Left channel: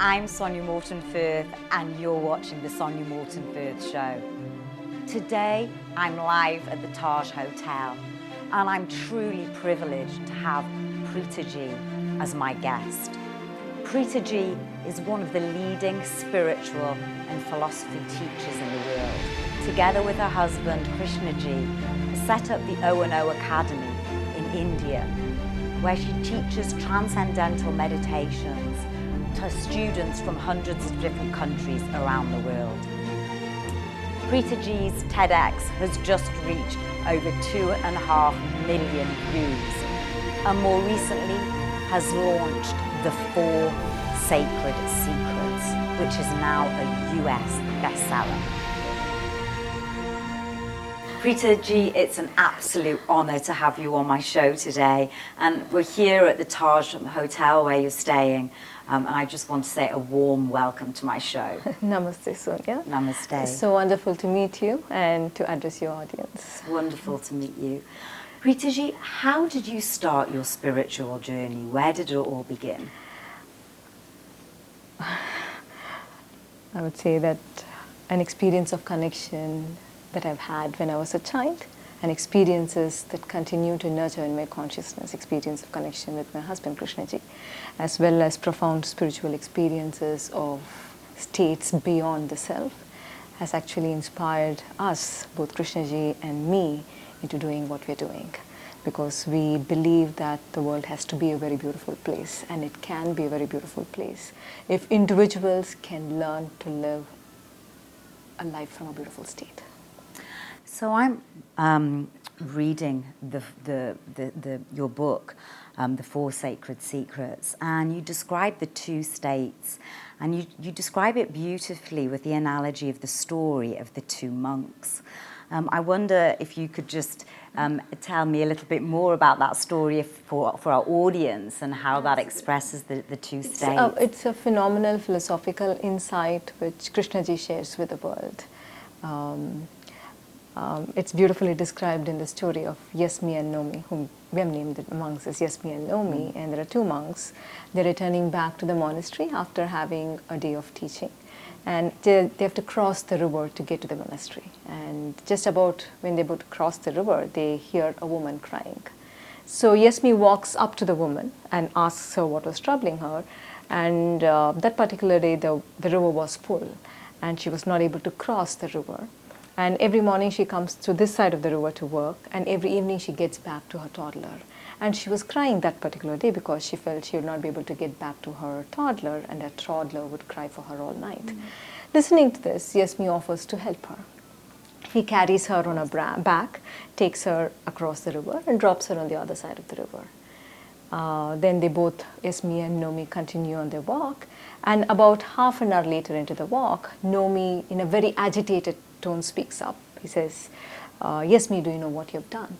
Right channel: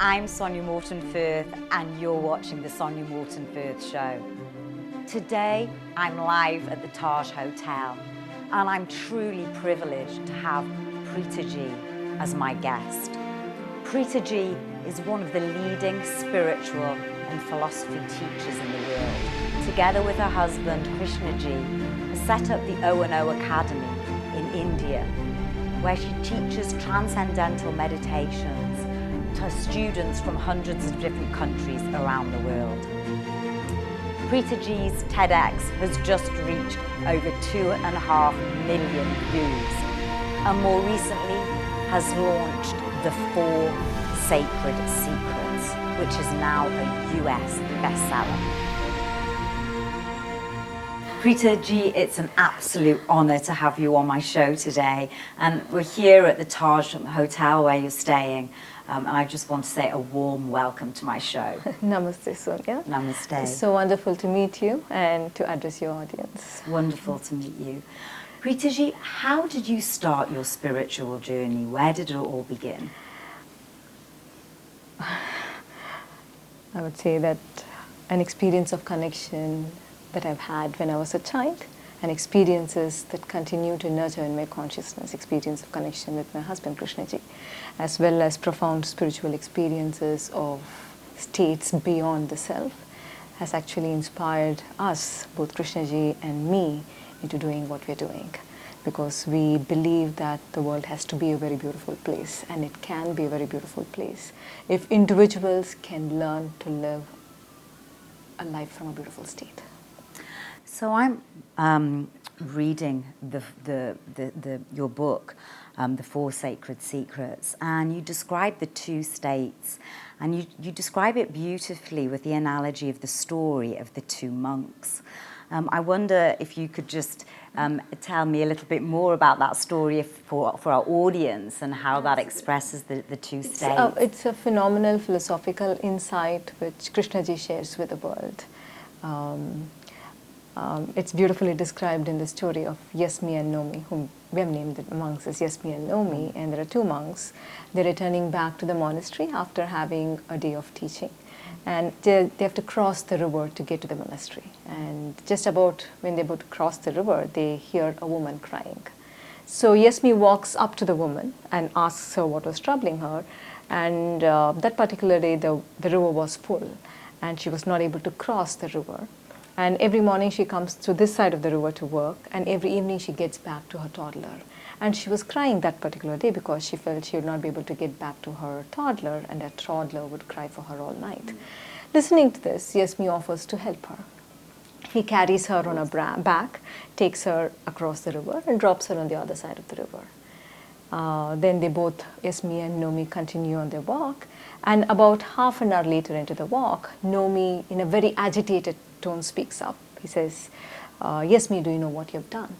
I'm Sonya Morton Firth, and you're watching the Sonya Morton Firth Show. Today, I'm live at the Taj Hotel, and I'm truly privileged to have Preethaji as my guest. Preethaji is one of the leading spiritual and philosophy teachers in the world. Together with her husband, Krishnaji, has set up the O&O Academy in India, where she teaches transcendental meditations to students from hundreds of different countries around the world. Preethaji's TEDx has just reached over 2.5 million views, and more recently has launched the 4 Sacred Secrets, which is now a US bestseller. Preethaji, it's an absolute honor to have you on my show today, and we're here at the Taj Hotel where you're staying. And I just want to say a warm welcome to my show. Namaste, Sonya. Namaste. It's so wonderful to meet you and to address your audience. It's wonderful to meet you. Preethaji, how did you start your spiritual journey? Where did it all begin? I would say that an experience of connection that I've had when I was a child, and experiences that continue to nurture in my consciousness, experience of connection with my husband Krishnaji, as well as profound spiritual experiences of states beyond the self, has actually inspired us, both Krishnaji and me, into doing what we're doing. Because we believe that the world has to be a very beautiful place, and it can be a very beautiful place if individuals can learn to live a life from a beautiful state. So I'm reading your book, The 4 Sacred Secrets, and you describe the 2 states, and you describe it beautifully with the analogy of the story of the 2 monks. I wonder if you could just tell me a little bit more about that story for our audience and how that expresses the 2 states. It's a phenomenal philosophical insight which Krishnaji shares with the world. It's beautifully described in the story of Yes, Me and No Me, whom we have named the monks as Yes, Me and No Me, and there are 2 monks. They're returning back to the monastery after having a day of teaching. And they have to cross the river to get to the monastery. And just about when they're about to cross the river, they hear a woman crying. So Yes, Me walks up to the woman and asks her what was troubling her. And that particular day, the river was full, and she was not able to cross the river. And every morning she comes to this side of the river to work, and every evening she gets back to her toddler. And she was crying that particular day because she felt she would not be able to get back to her toddler, and that toddler would cry for her all night. Listening to this, Yes, Me offers to help her. He carries her on a back, takes her across the river, and drops her on the other side of the river. Then they both, Yes, Me and No Me, continue on their walk. And about half an hour later into the walk, No Me, in a very agitated tone, speaks up. He says, Yes, Me, do you know what you've done?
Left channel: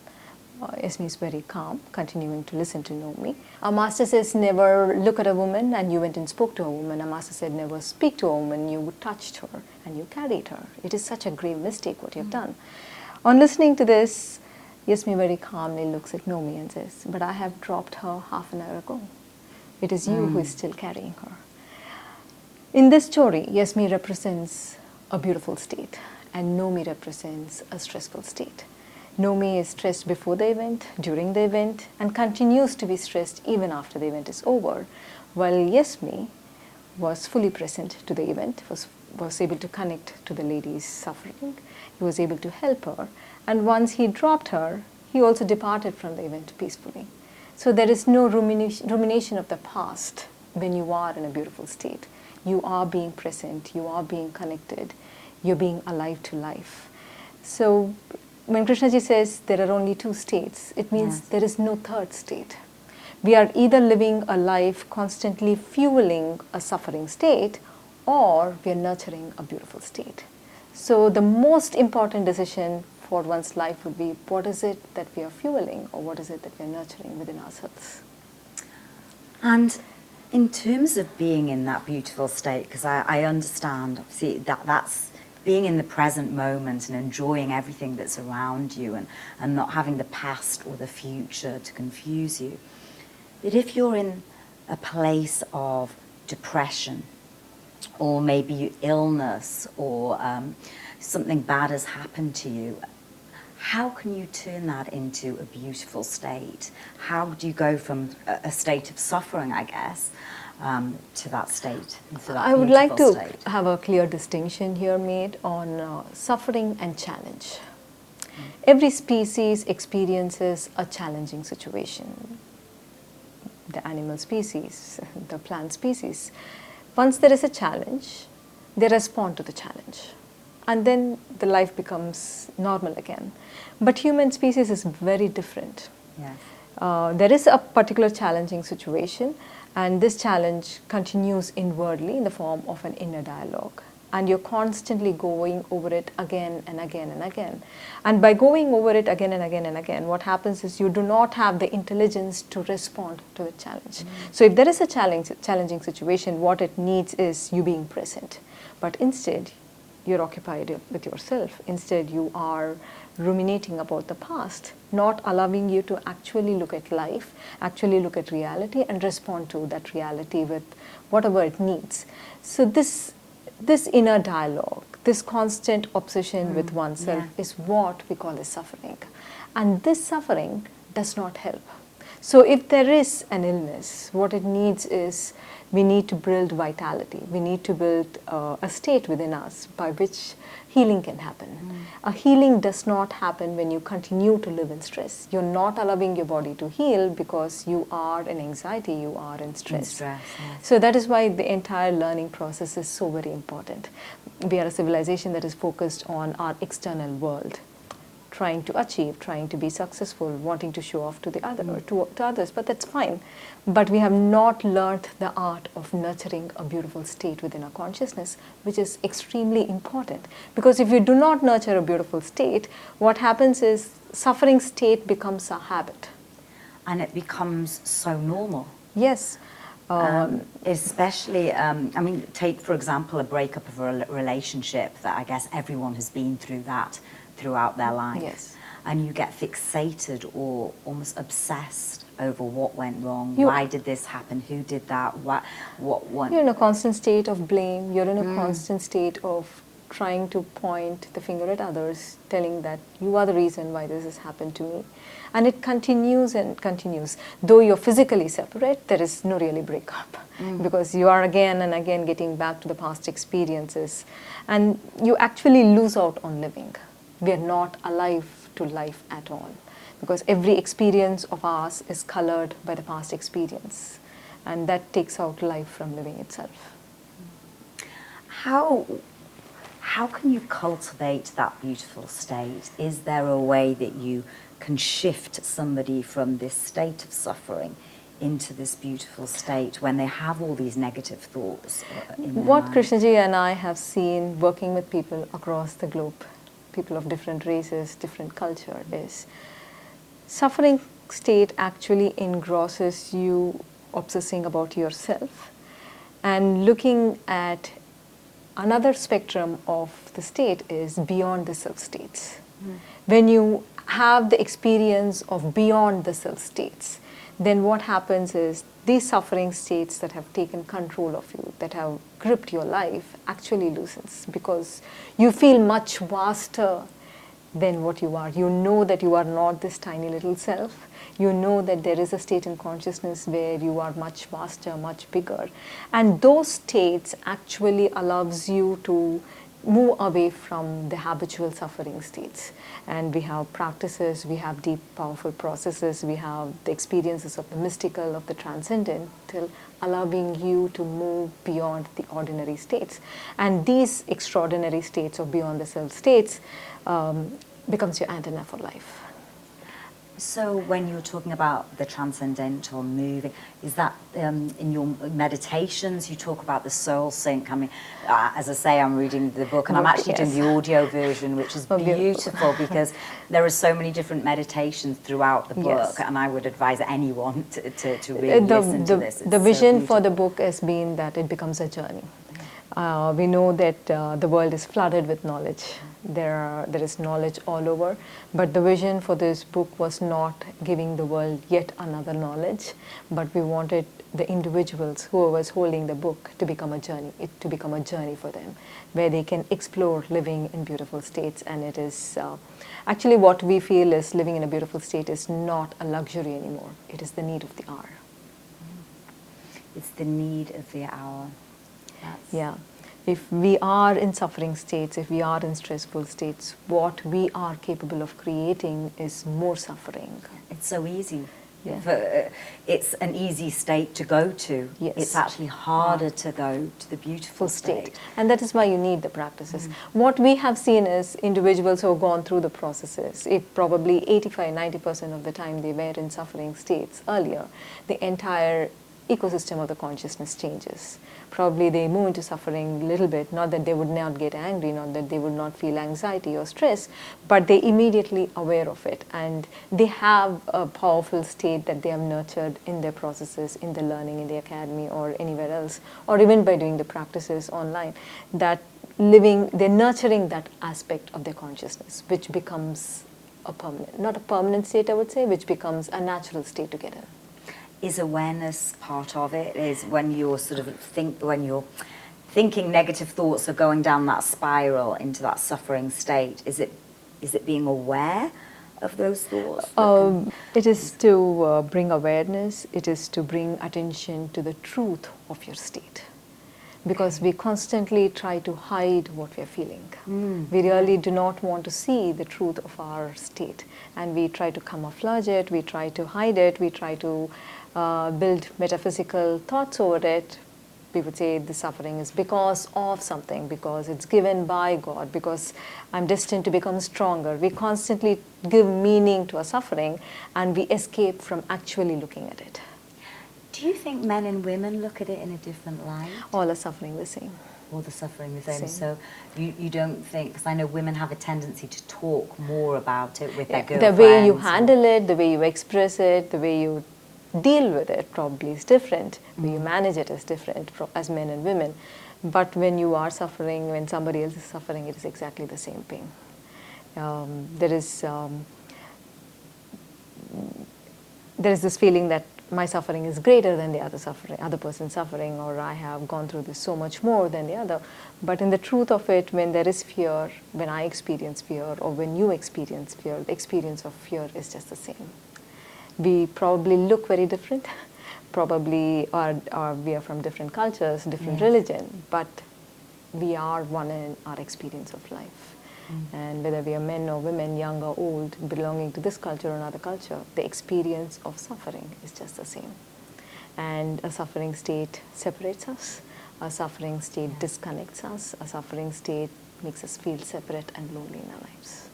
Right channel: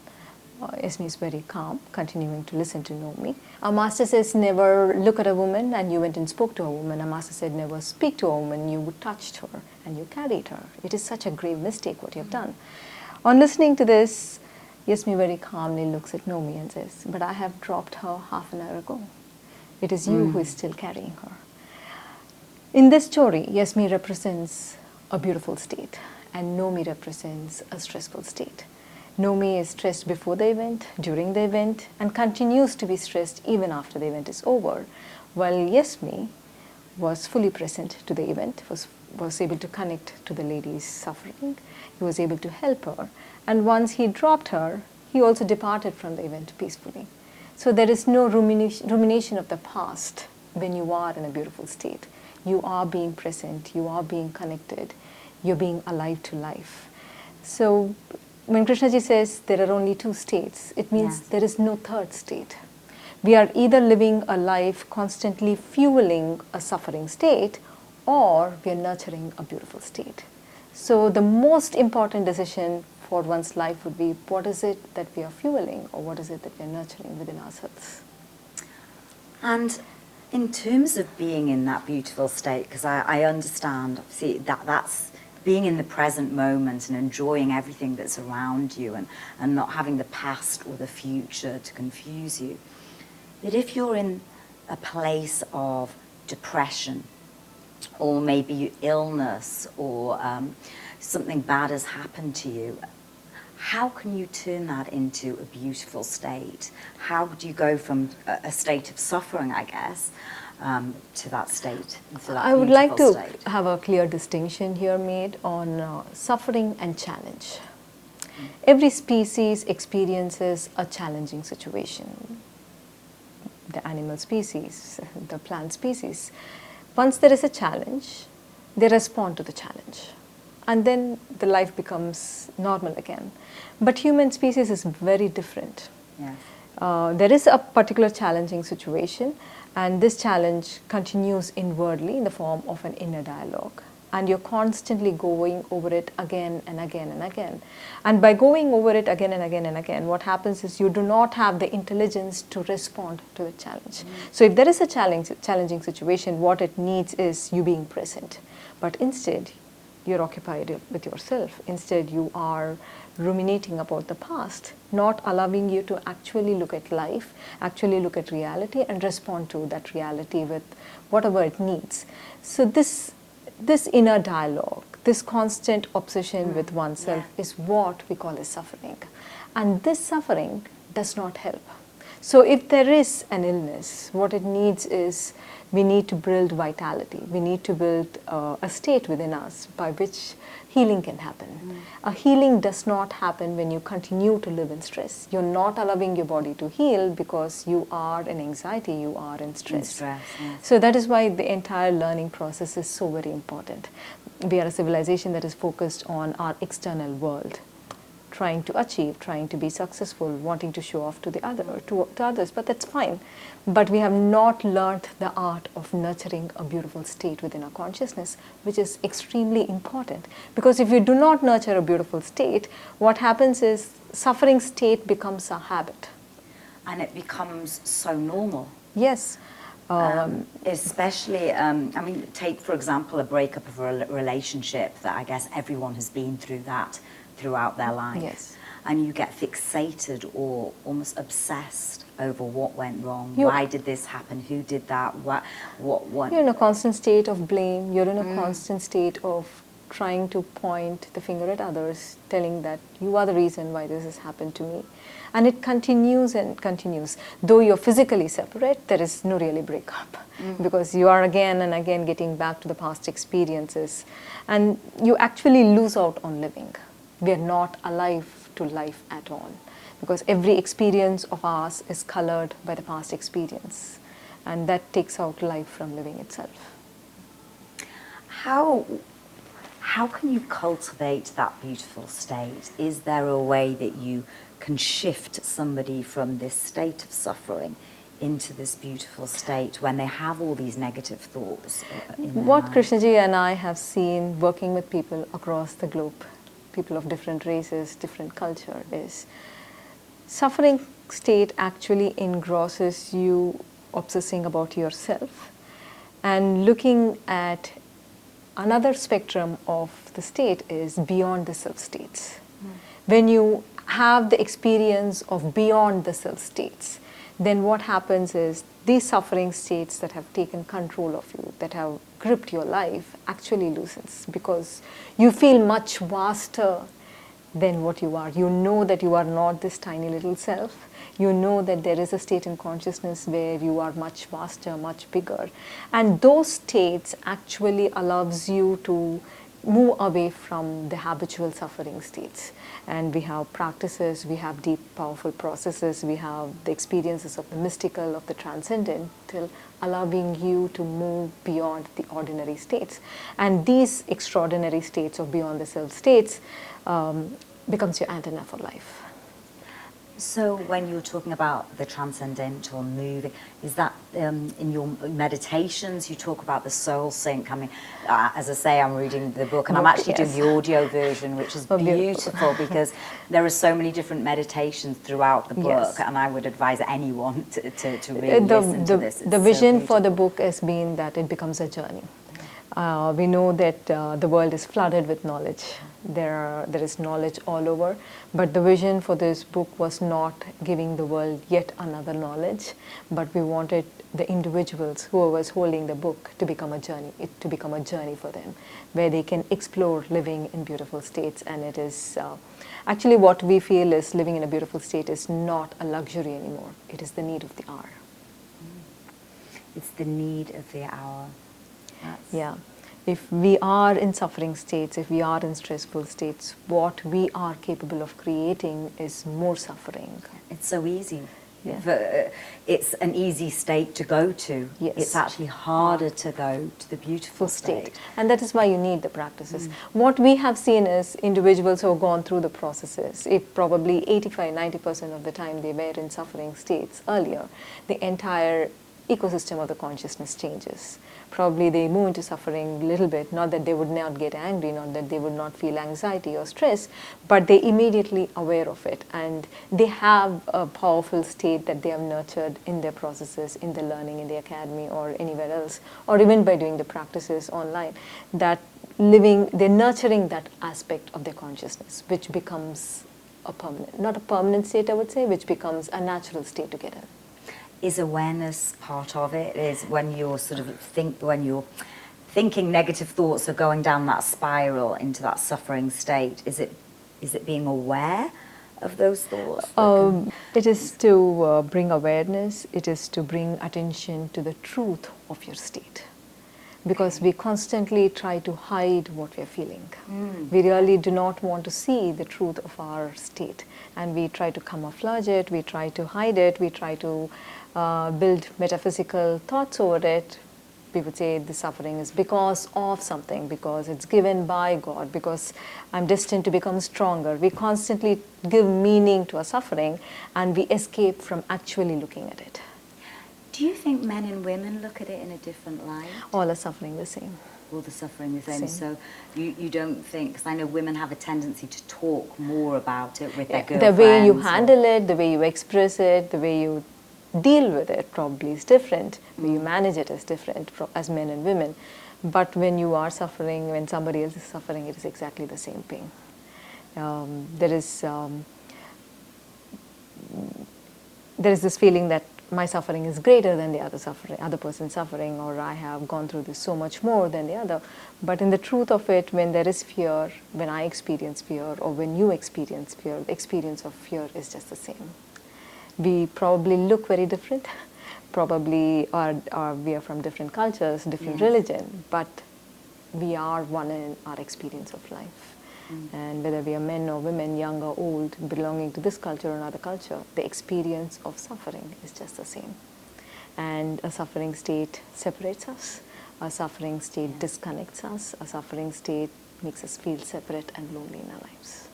Yes, Me is very calm, continuing to listen to No Me. Our master says, never look at a woman, and you went and spoke to a woman. Our master said, never speak to a woman, you touched her and you carried her. It is such a grave mistake what you've done. On listening to this, Yes, Me very calmly looks at No Me and says, but I have dropped her half an hour ago. It is you who is still carrying her. In this story, Yes, Me represents a beautiful state, and No Me represents a stressful state. No Me is stressed before the event, during the event, and continues to be stressed even after the event is over, while Yes, Me was fully present to the event, was able to connect to the lady's suffering. He was able to help her, and once he dropped her, he also departed from the event peacefully. So there is no rumination of the past when you are in a beautiful state. You are being present, you are being connected, you're being alive to life. So when Krishnaji says there are only 2 states, it means there is no third state. We are either living a life constantly fueling a suffering state, or we are nurturing a beautiful state. So the most important decision for one's life would be, what is it that we are fueling, or what is it that we are nurturing within ourselves? And in terms of being in that beautiful state, because I understand, obviously, that's being in the present moment and enjoying everything that's around you, and not having the past or the future to confuse you. But if you're in a place of depression or maybe illness, or something bad has happened to you, how can you turn that into a beautiful state? How do you go from a state of suffering, I guess, to that state? To that I would like to state? have a clear distinction here made on suffering and challenge. Every species experiences a challenging situation. The animal species, the plant species. Once there is a challenge, they respond to the challenge. And then the life becomes normal again. But human species is very different. Yes. There is a particular challenging situation, and this challenge continues inwardly in the form of an inner dialogue. And you're constantly going over it again and again and again. And by going over it again and again and again, what happens is you do not have the intelligence to respond to the challenge. So if there is a challenging situation, what it needs is you being present. But instead, you're occupied with yourself. Instead, you are ruminating about the past, not allowing you to actually look at life, actually look at reality and respond to that reality with whatever it needs. So this inner dialogue, this constant obsession with oneself is what we call as suffering. And this suffering does not help. So if there is an illness, what it needs is we need to build vitality. We need to build a state within us by which healing can happen. A healing does not happen when you continue to live in stress. You're not allowing your body to heal because you are in anxiety, you are in stress. Yes. So that is why the entire learning process is so very important. We are a civilization that is focused on our external world, trying to achieve, trying to be successful, wanting to show off to the other or to others, but that's fine. But we have not learned the art of nurturing a beautiful state within our consciousness, which is extremely important. Because if you do not nurture a beautiful state, what happens is suffering state becomes a habit. And it becomes so normal. Yes. Especially, I mean, take, for example, a breakup of a relationship that I guess everyone has been through that throughout their life. Yes. And you get fixated or almost obsessed over what went wrong, why did this happen, who did that, what You're in a constant state of blame, you're in a constant state of trying to point the finger at others, telling that you are the reason why this has happened to me. And it continues and continues. Though you're physically separate, there is no really breakup because you are again and again getting back to the past experiences. And you actually lose out on living. We are not alive to life at all because every experience of ours is colored by the past experience. And that takes out life from living itself. How can you cultivate that beautiful state? Is there a way that you can shift somebody from this state of suffering into this beautiful state when they have all these negative thoughts in their What mind? Krishnaji and I have seen working with people across the globe, people of different races, different culture, is suffering state actually engrosses you obsessing about yourself and looking at another spectrum of the state is beyond the self states. When you have the experience of beyond the self states, then what happens is these suffering states that have taken control of you, that have gripped your life, actually loosens because you feel much vaster than what you are. You know that you are not this tiny little self. You know that there is a state in consciousness where you are much vaster, much bigger. And those states actually allows you to move away from the habitual suffering states. And we have practices, we have deep, powerful processes, we have the experiences of the mystical, of the transcendental, allowing you to move beyond the ordinary states. And these extraordinary states or beyond the self states becomes your antenna for life. So when you're talking about the transcendental moving, is that in your meditations you talk about the soul sync? I mean, as I say, I'm reading the book and I'm actually doing the audio version, which is beautiful because there are so many different meditations throughout the book, and I would advise anyone to really listen to this. It's the vision for the book has been that it becomes a journey. We know that the world is flooded with knowledge There is knowledge all over, but the vision for this book was not giving the world yet another knowledge, but we wanted the individuals who was holding the book to become a journey, it to become a journey for them, where they can explore living in beautiful states. And it is actually what we feel is living in a beautiful state is not a luxury anymore. It is the need of the hour. It's the need of the hour. Yeah. If we are in suffering states, if we are in stressful states, what we are capable of creating is more suffering. It's so easy. Yeah. It's an easy state to go to. Yes. It's actually harder to go to the beautiful state. And that is why you need the practices. What we have seen is individuals who have gone through the processes, if probably 85-90% of the time they were in suffering states earlier, the entire ecosystem of the consciousness changes. Probably they move into suffering a little bit, not that they would not get angry, not that they would not feel anxiety or stress, but they immediately aware of it, and they have a powerful state that they have nurtured in their processes, in the learning, in the academy or anywhere else, or even by doing the practices online, that they're nurturing that aspect of their consciousness, which becomes a permanent, not a permanent state I would say, which becomes a natural state to get in. Is awareness part of it? Is when you're when you're thinking negative thoughts are going down that spiral into that suffering state, is it being aware of those thoughts? It is to bring awareness, it is to bring attention to the truth of your state. Because we constantly try to hide what we are feeling. We really do not want to see the truth of our state. And we try to camouflage it, we try to hide it, we try to build metaphysical thoughts over it. We would say the suffering is because of something, because it's given by God, because I'm destined to become stronger. We constantly give meaning to our suffering and we escape from actually looking at it. Do you think men and women look at it in a different light? All are suffering the same. All the suffering the same. So you don't think, because I know women have a tendency to talk more about it with their girlfriends. The way you handle it, the way you express it, the way you deal with it probably is different. The way you manage it is different as men and women. But when you are suffering, when somebody else is suffering, it is exactly the same thing. There is this feeling that my suffering is greater than the other person's suffering, or I have gone through this so much more than the other. But in the truth of it, when there is fear, when I experience fear, or when you experience fear, the experience of fear is just the same. We probably look very different, probably we are from different cultures, different religion, but we are one in our experience of life. And whether we are men or women, young or old, belonging to this culture or another culture, the experience of suffering is just the same. And a suffering state separates us, a suffering state disconnects us, a suffering state makes us feel separate and lonely in our lives.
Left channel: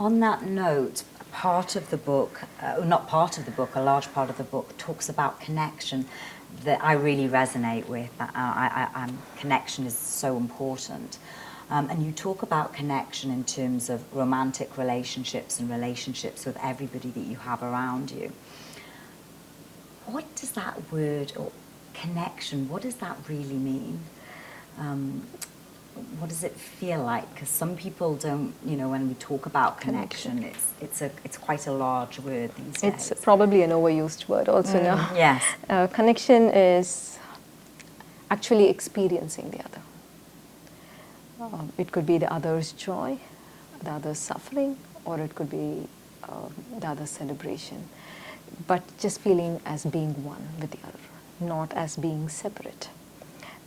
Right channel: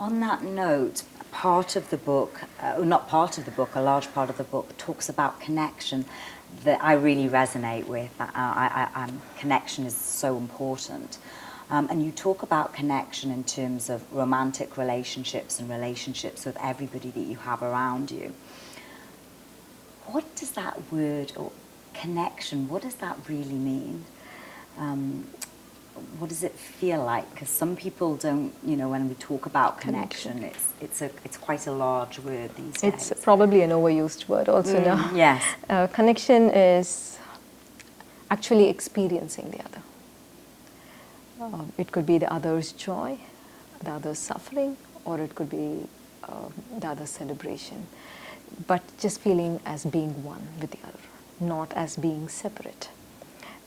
On that note, part of the book, not part of the book, a large part of the book talks about connection that I really resonate with. Connection is so important. And you talk about connection in terms of romantic relationships and relationships with everybody that you have around you. What does that word, or connection, what does that really mean? What does it feel like? Because some people don't, when we talk about connection, it's quite a large word these days. It's probably an overused word also now. Yes. Connection is actually experiencing the other. It could be the other's joy, the other's suffering, or it could be the other's celebration. But just feeling as being one with the other, not as being separate.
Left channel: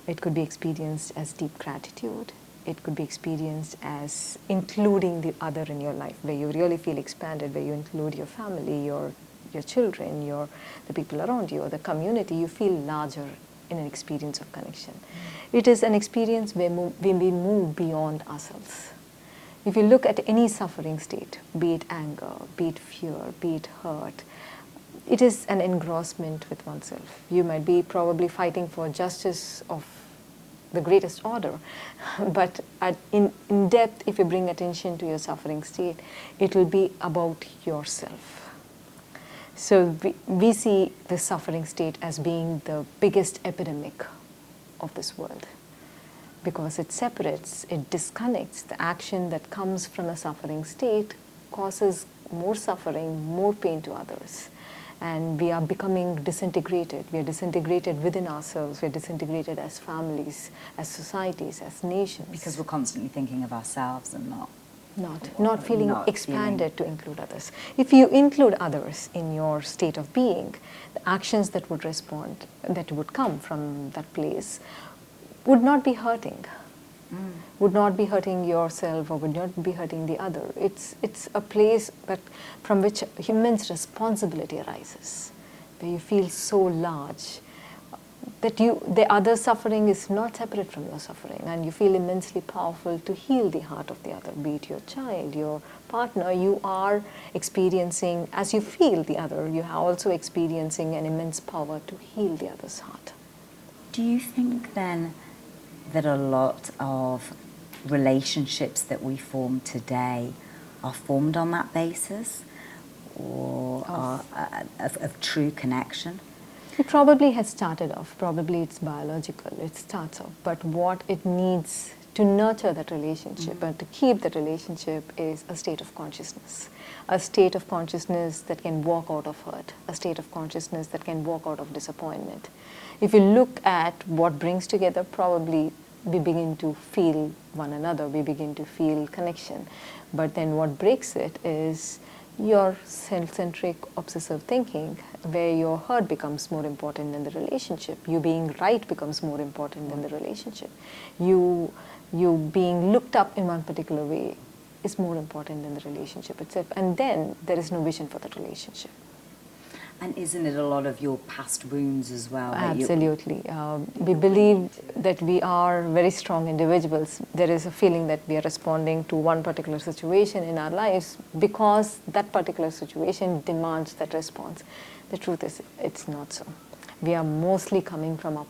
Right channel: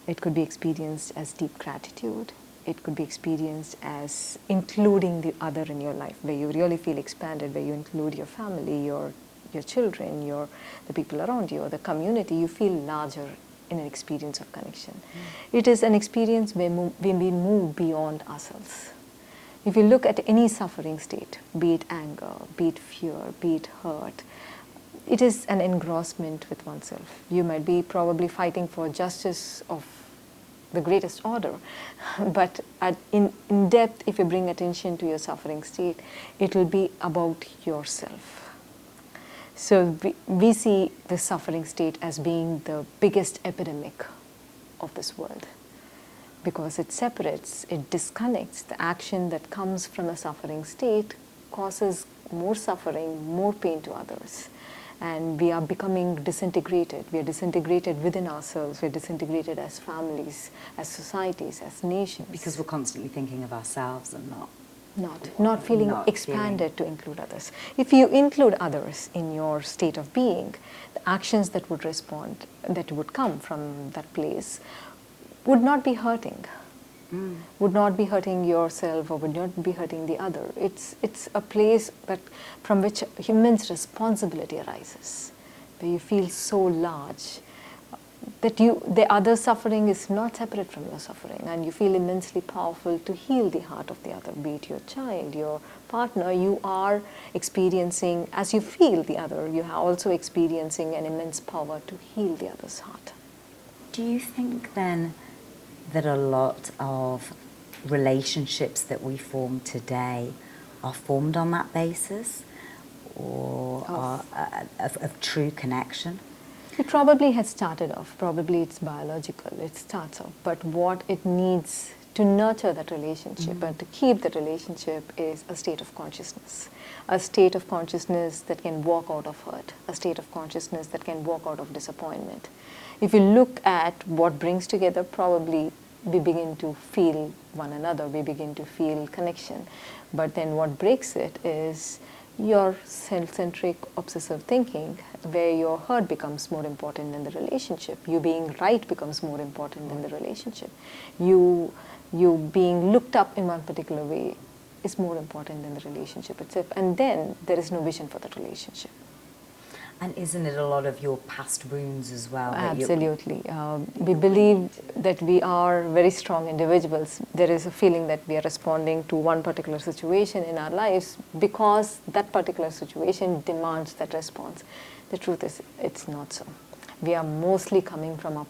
It could be experienced as deep gratitude. It could be experienced as including the other in your life, where you really feel expanded, where you include your family, your children, the people around you, or the community. You feel larger in an experience of connection. It is an experience where we move beyond ourselves. If you look at any suffering state, be it anger, be it fear, be it hurt, it is an engrossment with oneself. You might be probably fighting for justice of the greatest order, but in depth, if you bring attention to your suffering state, it will be about yourself. So we see the suffering state as being the biggest epidemic of this world. because it separates, it disconnects. The action that comes from a suffering state causes more suffering, more pain to others. And we are becoming disintegrated. We are disintegrated within ourselves. We are disintegrated as families, as societies, as nations. Because we're constantly thinking of ourselves and not feeling not expanded to include others. If you include others in your state of being, the actions that would respond, that would come from that place, would not be hurting. Would not be hurting yourself or would not be hurting the other. It's a place from which immense responsibility arises, where you feel so large that the other suffering is not separate from your suffering, and you feel immensely powerful to heal the heart of the other, be it your child, your partner. You are experiencing, as you feel the other, you are also experiencing an immense power to heal the other's heart. Do you think then that a lot of relationships that we form today are formed on that basis, or of true connection? It probably has started off, probably it's biological, it starts off, but what it needs to nurture that relationship and to keep that relationship is a state of consciousness. A state of consciousness that can walk out of hurt, a state of consciousness that can walk out of disappointment. If you look at what brings together, probably we begin to feel one another, we begin to feel connection. But then what breaks it is your self-centric obsessive thinking, where your hurt becomes more important than the relationship. You being right becomes more important than the relationship. You being looked up in one particular way is more important than the relationship itself. And then there is no vision for that relationship. And isn't it a lot of your past wounds as well? Absolutely. We believe that we are very strong individuals. There is a feeling that we are responding to one particular situation in our lives because that particular situation demands that response. The truth is, it's not so. We are mostly coming from our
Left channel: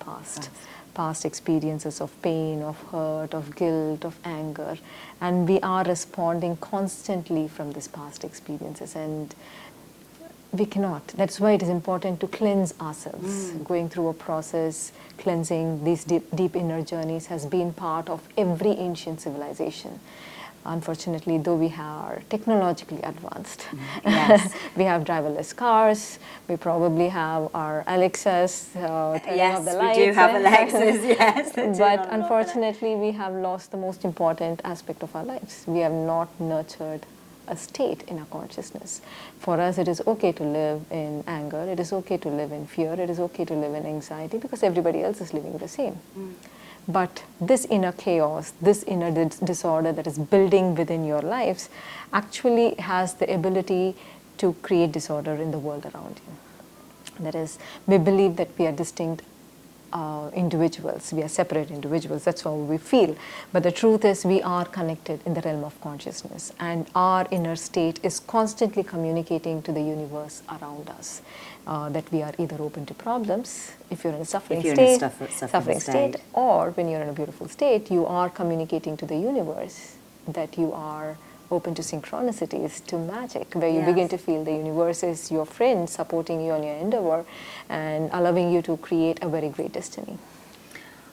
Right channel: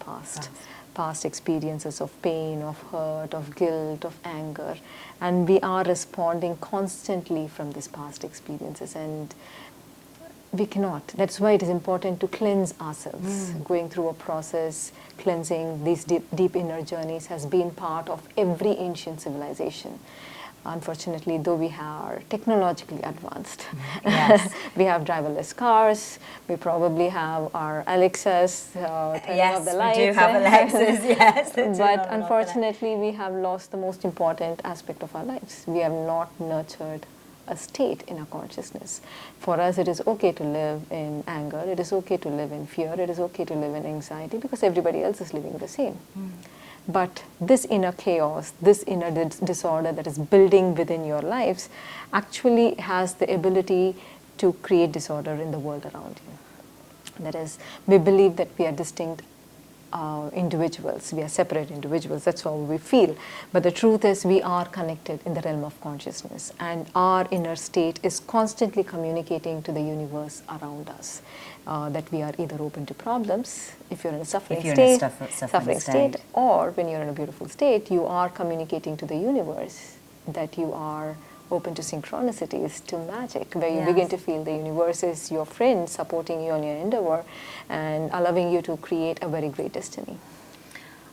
past experiences of pain, of hurt, of guilt, of anger, and we are responding constantly from these past experiences, and we cannot. That's why it is important to cleanse ourselves. Going through a process, cleansing these deep inner journeys has been part of every ancient civilization. Unfortunately, though we are technologically advanced, yes. we have driverless cars, we probably have our Alexas turning off the lights. Yes, we do have Alexas, yes. But unfortunately, we have lost the most important aspect of our lives. We have not nurtured a state in our consciousness. For us, it is okay to live in anger, it is okay to live in fear, it is okay to live in anxiety because everybody else is living the same. But this inner chaos, this inner disorder that is building within your lives actually has the ability to create disorder in the world around you. That is, we believe that we are distinct individuals, we are separate individuals, that's how we feel. But the truth is we are connected in the realm of consciousness, and our inner state is constantly communicating to the universe around us. That we are either open to problems, if you're in a suffering state, or when you're in a beautiful state, you are communicating to the universe that you are open to synchronicities, to magic, where you begin to feel the universe is your friend, supporting you on your endeavor and allowing you to create a very great destiny.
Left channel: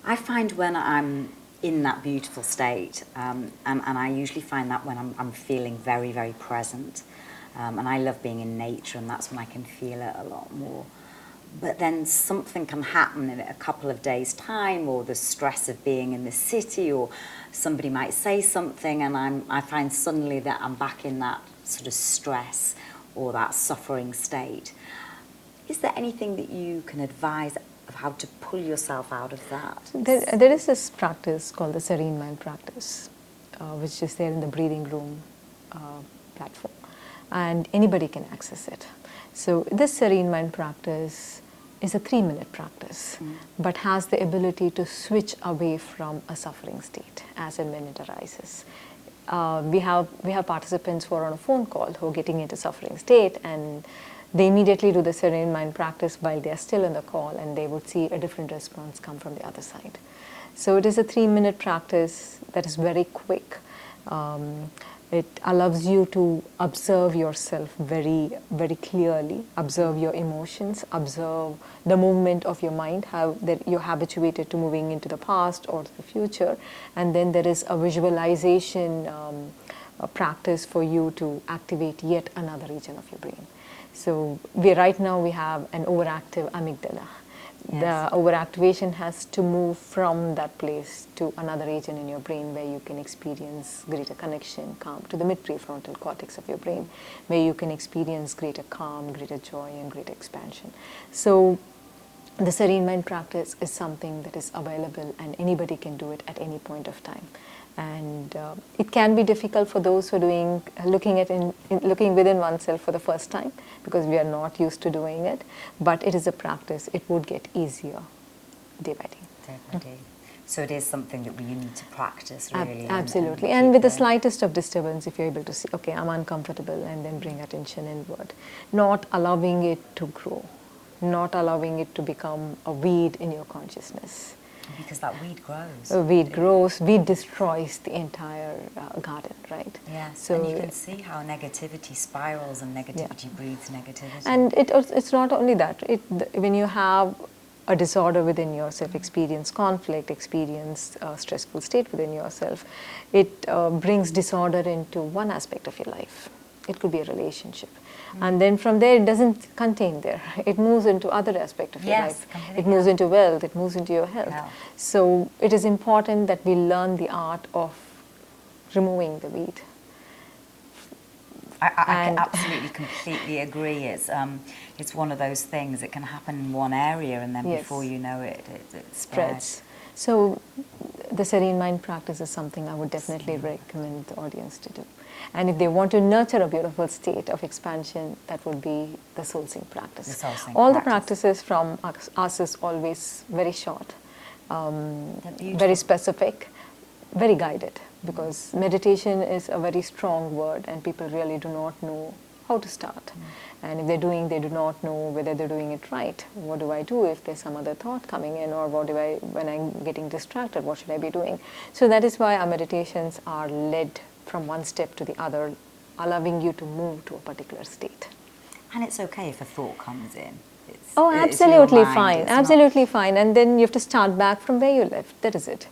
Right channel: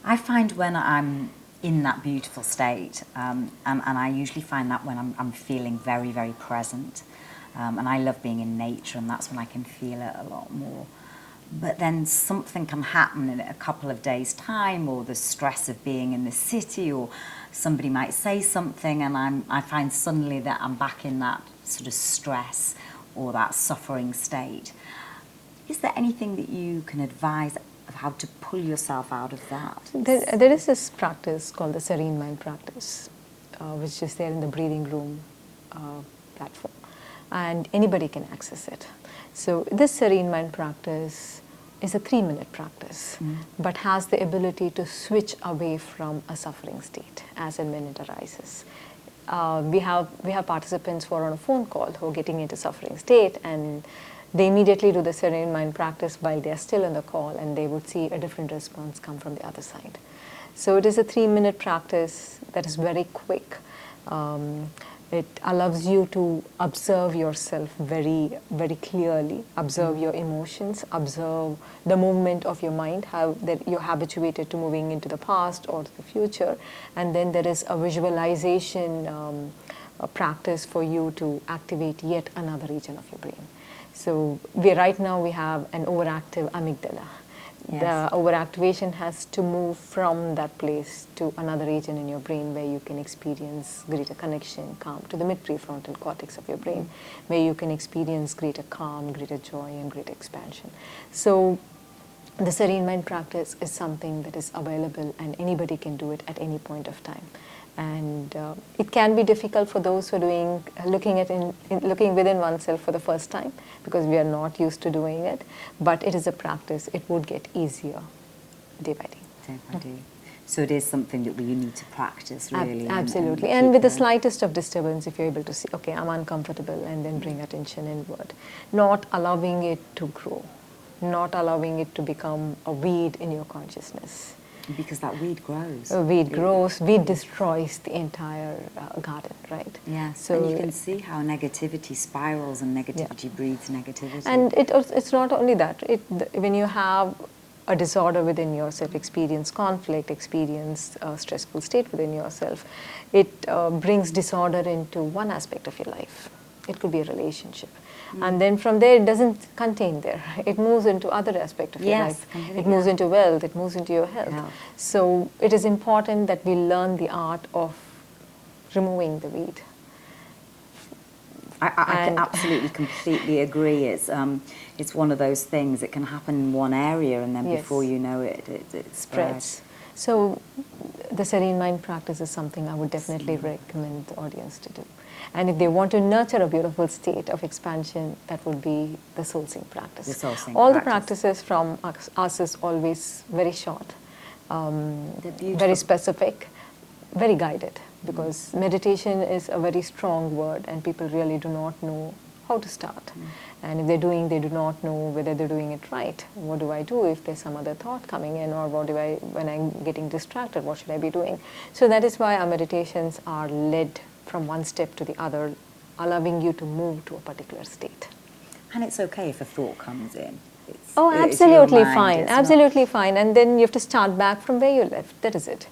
I find when I'm in that beautiful state, and I usually find that when I'm feeling very, very present, and I love being in nature, and that's when I can feel it a lot more. But then something can happen in a couple of days' time, or the stress of being in the city, or somebody might say something, and I find suddenly that I'm back in that sort of stress or that suffering state. Is there anything that you can advise of how to pull yourself out of that? There is this practice called the serene mind practice, which is there in the breathing room platform, and anybody can access it. So this serene mind practice is a 3-minute practice, but has the ability to switch away from a suffering state as and when it arises. We have participants who are on a phone call who are getting into suffering state, and they immediately do the serene mind practice while they are still in the call, and they would see a different response come from the other side. So it is a 3-minute practice that is very quick. It allows you to observe yourself very, very clearly, observe your emotions, observe the movement of your mind, how that you're habituated to moving into the past or the future. And then there is a visualization a practice for you to activate yet another region of your brain. So right now we have an overactive amygdala. Yes. The overactivation has to move from that place to another region in your brain where you can experience greater connection, calm, to the mid-prefrontal cortex of your brain, where you can experience greater calm, greater joy, and greater expansion. So the serene mind practice is something that is available, and anybody can do it at any point of time. And it can be difficult for those who are looking within oneself for the first time, because we are not used to doing it. But it is a practice. It would get easier day by day. Day by day. So it is something that we need to practice, really. Absolutely. And with the slightest of disturbance, if you're able to see, okay, I'm uncomfortable, and then bring attention inward. Not allowing it to grow. Not allowing it to become a weed in your consciousness. Because that weed grows. A weed grows, weed destroys the entire garden, right? Yes, so, and you can see how negativity spirals and negativity breeds negativity. And it's not only that. When you have a disorder within yourself, experience conflict, experience a stressful state within yourself, it brings disorder into one aspect of your life. It could be a relationship. And then from there, it doesn't contain there. It moves into other aspect of your life. It moves into wealth. It moves into your health. So it is important that we learn the art of removing the weed. I absolutely, completely agree. It's one of those things. It can happen in one area, and then before you know it, it spreads. So the serene mind practice is something I would definitely recommend the audience to do. And if they want to nurture a beautiful state of expansion, that would be the soul sync practice. All the practices from us is always very short, very specific, very guided, because meditation is a very strong word, and people really do not know how to start. And if they do not know whether they're doing it right. What do I do if there's some other thought coming in, or when I'm getting distracted, what should I be doing? So that is why our meditations are led from one step to the other, allowing you to move to a particular state. And it's okay if a thought comes in. Absolutely fine, absolutely fine. And then you have to start back from where you left. That is it.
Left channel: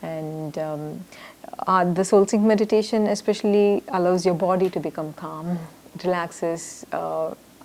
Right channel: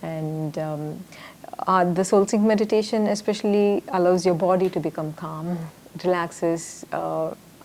And the soul sync meditation especially allows your body to become calm. It relaxes.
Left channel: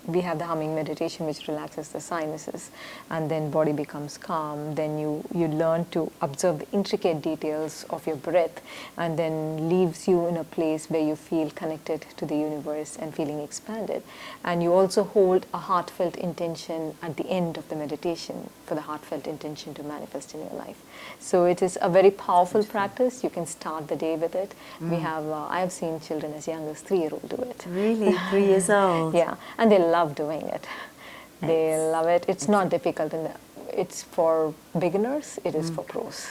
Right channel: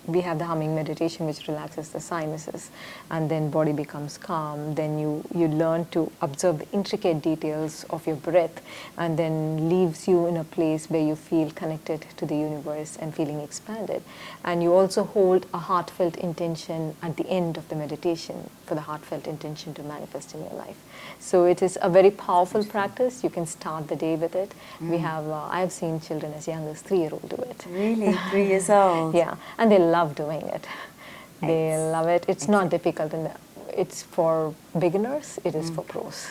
We have the humming meditation, which relaxes the sinuses, and then body becomes calm. Then you learn to observe the intricate details of your breath, and then leaves you in a place where you feel connected to the universe and feeling expanded. And you also hold a heartfelt intention at the end of the meditation for the heartfelt intention to manifest in your life. So it is a very powerful practice. You can start the day with it. We have I have seen children as young as 3-year-old do it. Really, 3 years old? Yeah, and they love doing it. They love it. It's not difficult. It's for beginners. It is for pros.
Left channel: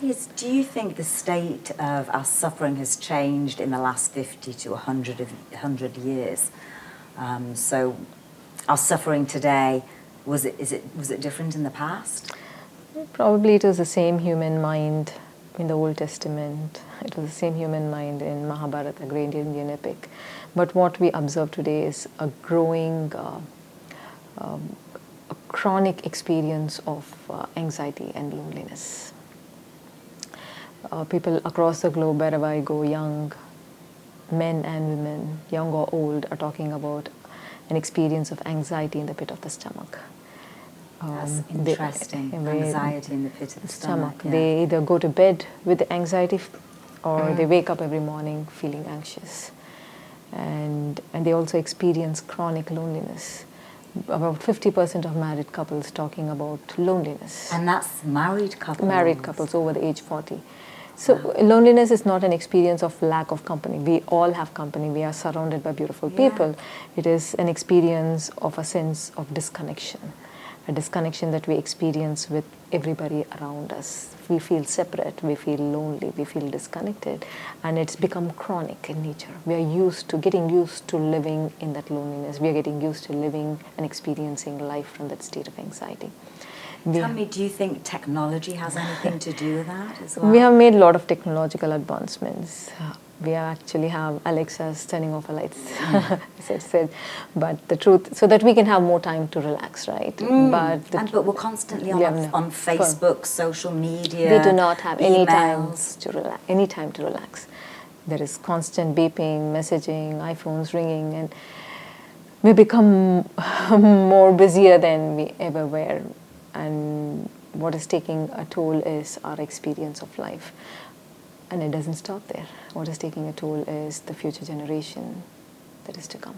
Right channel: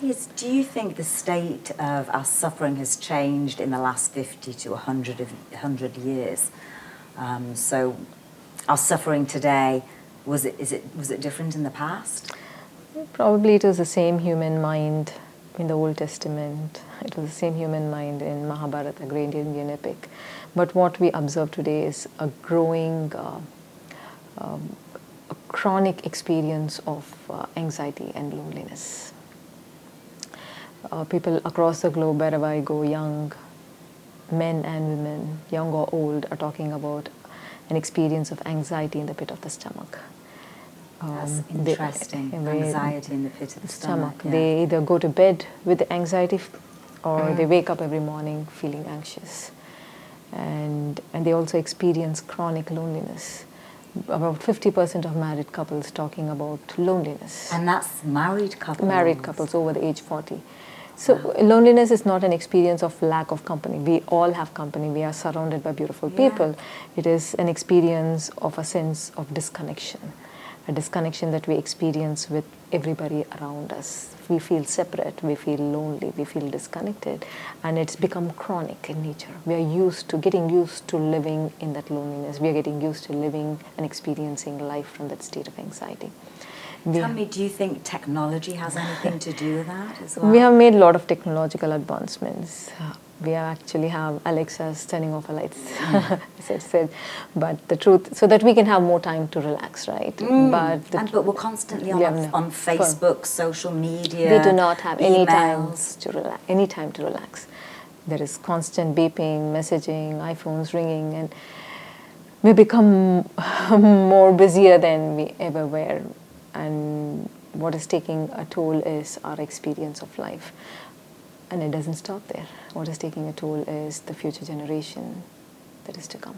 Yes. Do you think the state of our suffering has changed in the last 50 to 100 years? So our suffering today, was it different in the past? Probably it was the same human mind in the Old Testament. It was the same human mind in Mahabharata, the great Indian epic. But what we observe today is a growing, a chronic experience of anxiety and loneliness. People across the globe, wherever I go, young men and women, young or old, are talking about an experience of anxiety in the pit of the stomach. That's interesting. Anxiety in the pit of the stomach. Yeah. They either go to bed with the anxiety, or they wake up every morning feeling anxious. And they also experience chronic loneliness. About 50% of married couples talking about loneliness. And that's married couples? Married couples over the age 40. So loneliness is not an experience of lack of company. We all have company. We are surrounded by beautiful people. It is an experience of a sense of disconnection. A disconnection that we experience with everybody around us. We feel separate, we feel lonely, we feel disconnected, and it's become chronic in nature. We are getting used to living in that loneliness. We are getting used to living and experiencing life from that state of anxiety. Tell me, do you think technology has anything to do with that as well? We have made a lot of technological advancements. We actually have Alexa's turning off the lights, as I said. But the truth, so that we can have more time to relax, right? But we're constantly on Facebook, social media. We do not have any time emails. to relax. Any time to relax. There is constant beeping, messaging, iPhones ringing, and we become more busier than we ever were. And what is taking a toll is our experience of life. And it doesn't stop there. What is taking a toll is the future generation that is to come.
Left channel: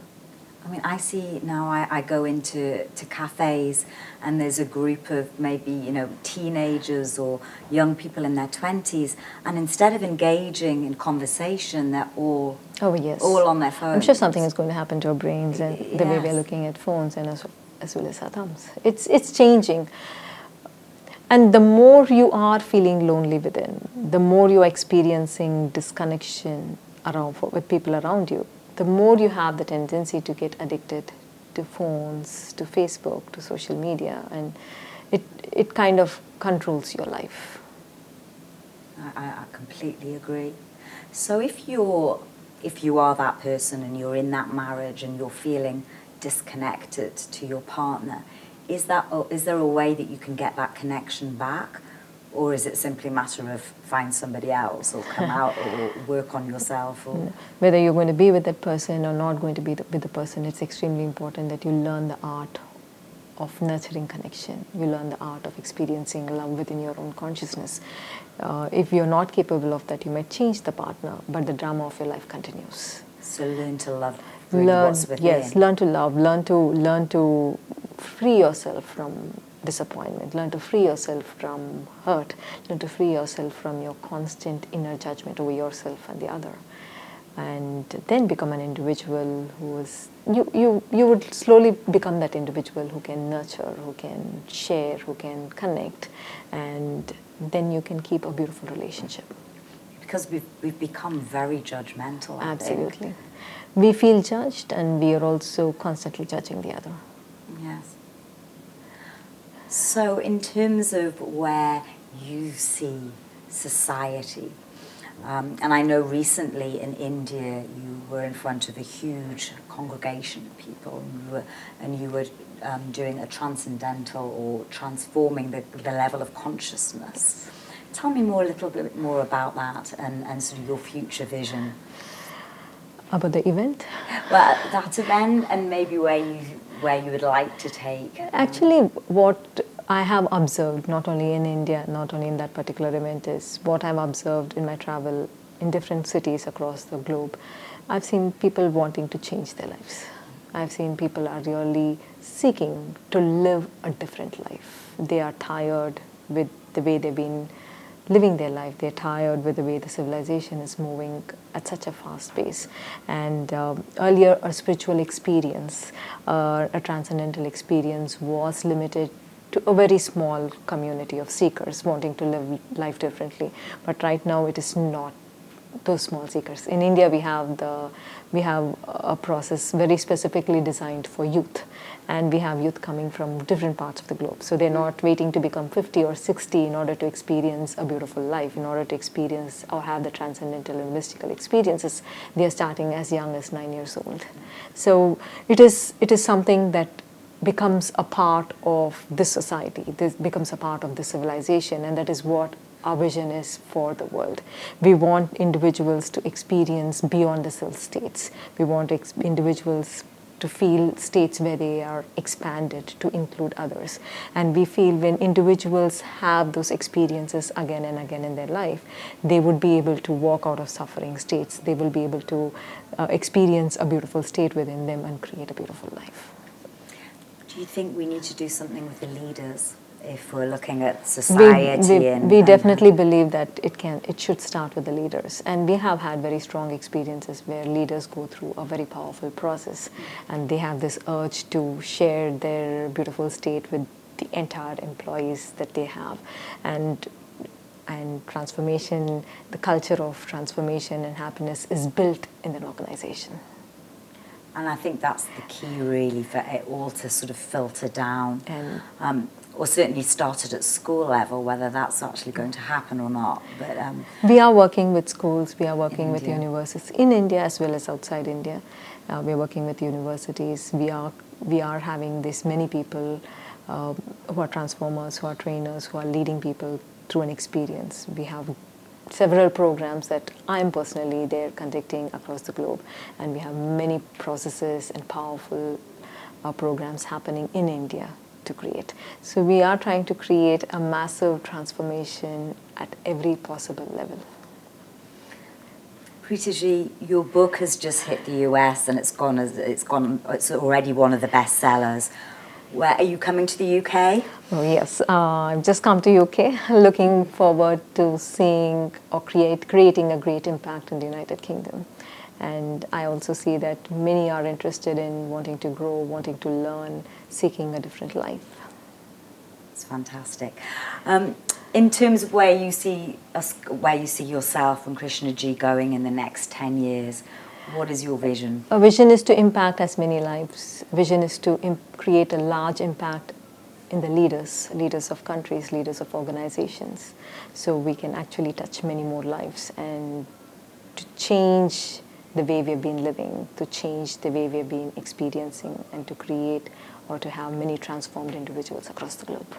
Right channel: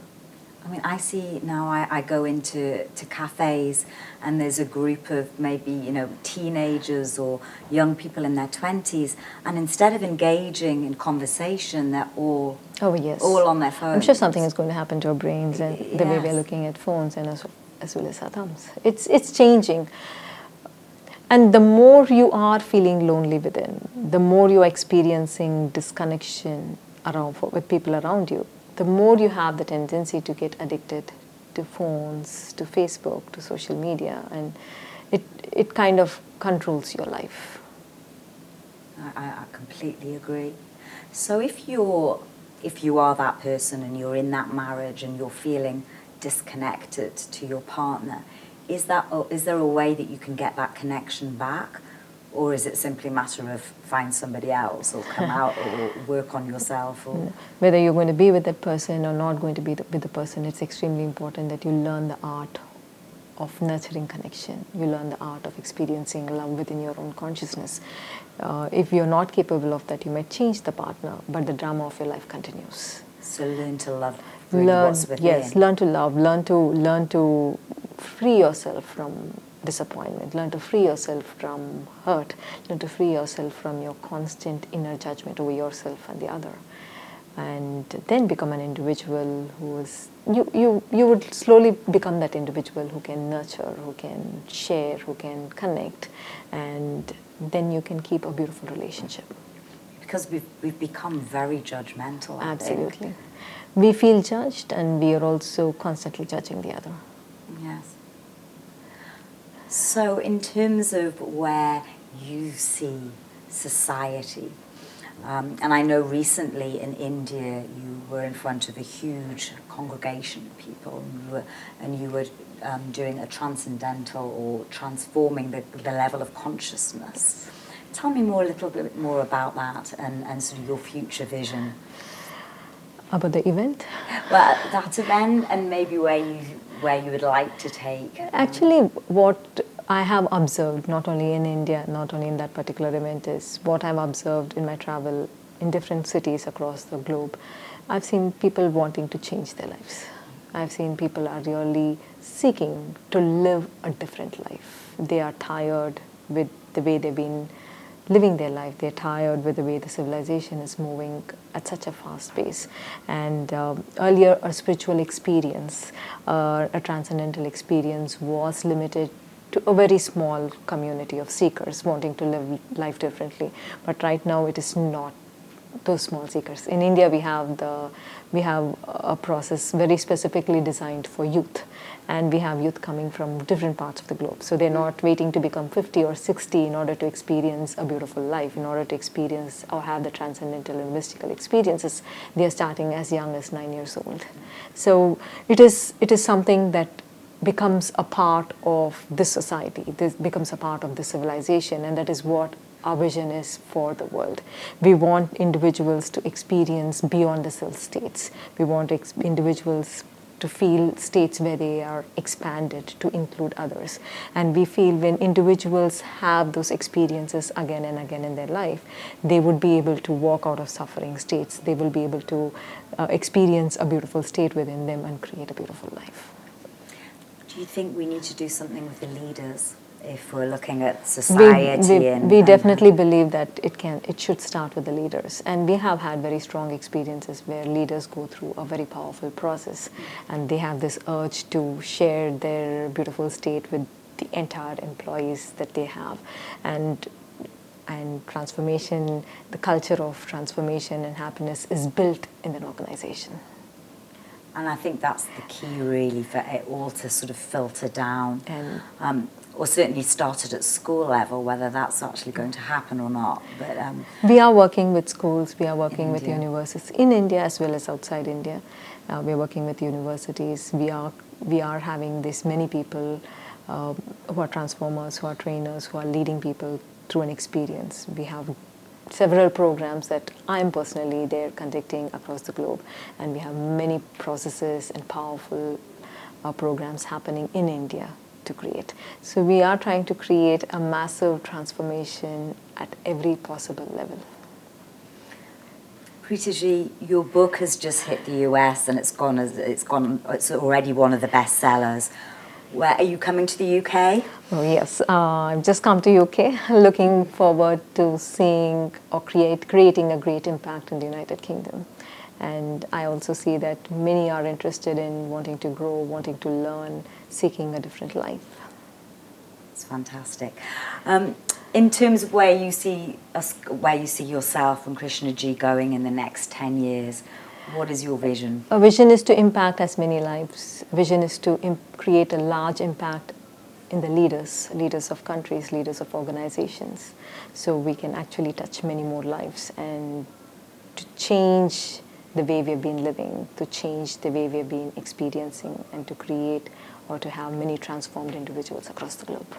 I mean, I see now, I go into cafes and there's a group of maybe, teenagers or young people in their 20s, and instead of engaging in conversation, they're all on their phones. I'm sure something is going to happen to our brains and the way we're looking at phones, and as well as our thumbs. It's changing. And the more you are feeling lonely within, the more you are experiencing disconnection with people around you, the more you have the tendency to get addicted to phones, to Facebook, to social media, and it kind of controls your life. I completely agree. So if you are that person and you're in that marriage and you're feeling disconnected to your partner, is there a way that you can get that connection back? Or is it simply a matter of find somebody else or come out or work on yourself? Or whether you're going to be with that person or not going to be with the person, it's extremely important that you learn the art of nurturing connection. You learn the art of experiencing love within your own consciousness. If you're not capable of that, you might change the partner, but the drama of your life continues. So learn to love what's within. Yes, learn to love, learn to free yourself from disappointment, learn to free yourself from hurt, learn to free yourself from your constant inner judgment over yourself and the other, and then become an individual who is, you would slowly become that individual who can nurture, who can share, who can connect, and then you can keep a beautiful relationship. Because we've become very judgmental. Absolutely. We feel judged, and we are also constantly judging the other. Yes. So in terms of where you see society, and I know recently in India you were in front of a huge congregation of people, and you were doing a transcendental or transforming the level of consciousness. Tell me a little bit more about that and sort of your future vision. About the event? Well, that event, and maybe where you would like to take. Actually, what I have observed, not only in India, not only in that particular event, is what I've observed in my travel in different cities across the globe. I've seen people wanting to change their lives. I've seen people are really seeking to live a different life. They are tired with the way they've been living their life. They're tired with the way the civilization is moving at such a fast pace. And earlier, a spiritual experience, a transcendental experience was limited to a very small community of seekers wanting to live life differently. But right now, it is not those small seekers. In India, we have a process very specifically designed for youth, and we have youth coming from different parts of the globe. So they're not waiting to become 50 or 60 in order to experience a beautiful life, in order to experience or have the transcendental and mystical experiences. They are starting as young as 9 years old. So it is something that becomes a part of this society. This becomes a part of this civilization, and that is what our vision is for the world. We want individuals to experience beyond the self states. We want individuals to feel states where they are expanded to include others. And we feel when individuals have those experiences again and again in their life, they would be able to walk out of suffering states. They will be able to experience a beautiful state within them and create a beautiful life. Do you think we need to do something with the leaders? If we're looking at society, we definitely believe that it should start with the leaders, and we have had very strong experiences where leaders go through a very powerful process, and they have this urge to share their beautiful state with the entire employees that they have, and transformation, the culture of transformation and happiness is built in an organization. And I think that's the key, really, for it all to sort of filter down. And or certainly started at school level, whether that's actually going to happen or not. But we are working with schools, we are working with India. universities in India as well as outside India. We are working with universities. We are having this many people who are transformers, who are trainers, who are leading people through an experience. We have several programs that I am personally there conducting across the globe, and we have many processes and powerful programs happening in India to create. So we are trying to create a massive transformation at every possible level. Preethaji, your book has just hit the US and it's already one of the best sellers. Where are you coming to the UK? Oh yes, I've just come to UK, looking forward to seeing or creating a great impact in the United Kingdom. And I also see that many are interested in wanting to grow, wanting to learn, seeking a different life. It's fantastic. In terms of where you see yourself and Krishnaji going in the next 10 years, what is your vision? A vision is to impact as many lives. A vision is to create a large impact in the leaders of countries, leaders of organizations, so we can actually touch many more lives and to change the way we've been living, to change the way we've been experiencing, and to create or to have many transformed individuals across the globe.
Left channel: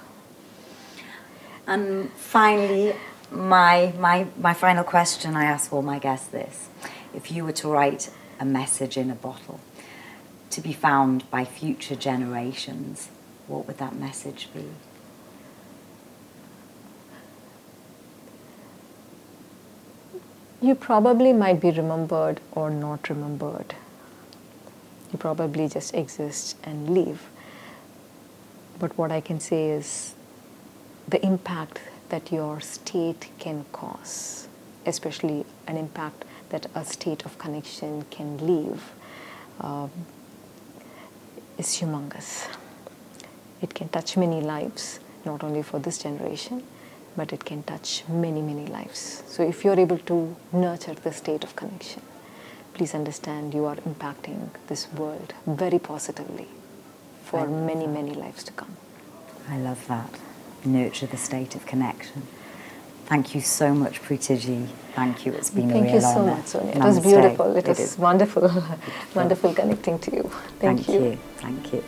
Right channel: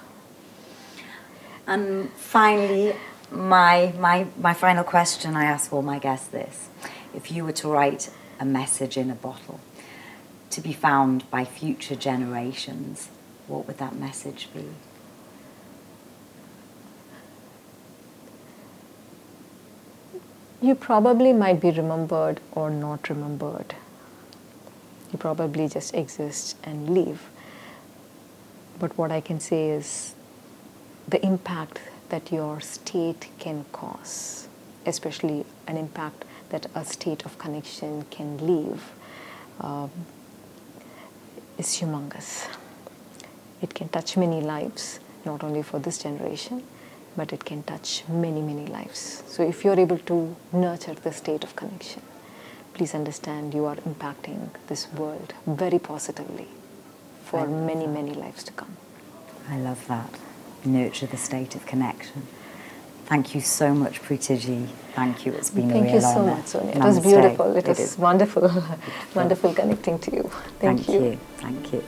And finally, my final question, I ask all my guests this. If you were to write a message in a bottle to be found by future generations, what would that message be? You probably might be remembered or not remembered. You probably just exist and leave. But what I can say is the impact that your state can cause, especially an impact that a state of connection can leave, is humongous. It can touch many lives, not only for this generation, but it can touch many, many lives. So if you're able to nurture the state of connection, please understand you are impacting this world very positively for many, many lives to come. I love that. Nurture the state of connection. Thank you so much, Preethaji. Thank you. It's been a real Thank you so honor. much, Sonya. It Namaste. was beautiful. It is was wonderful, wonderful connecting to you. Thank you. Thank you.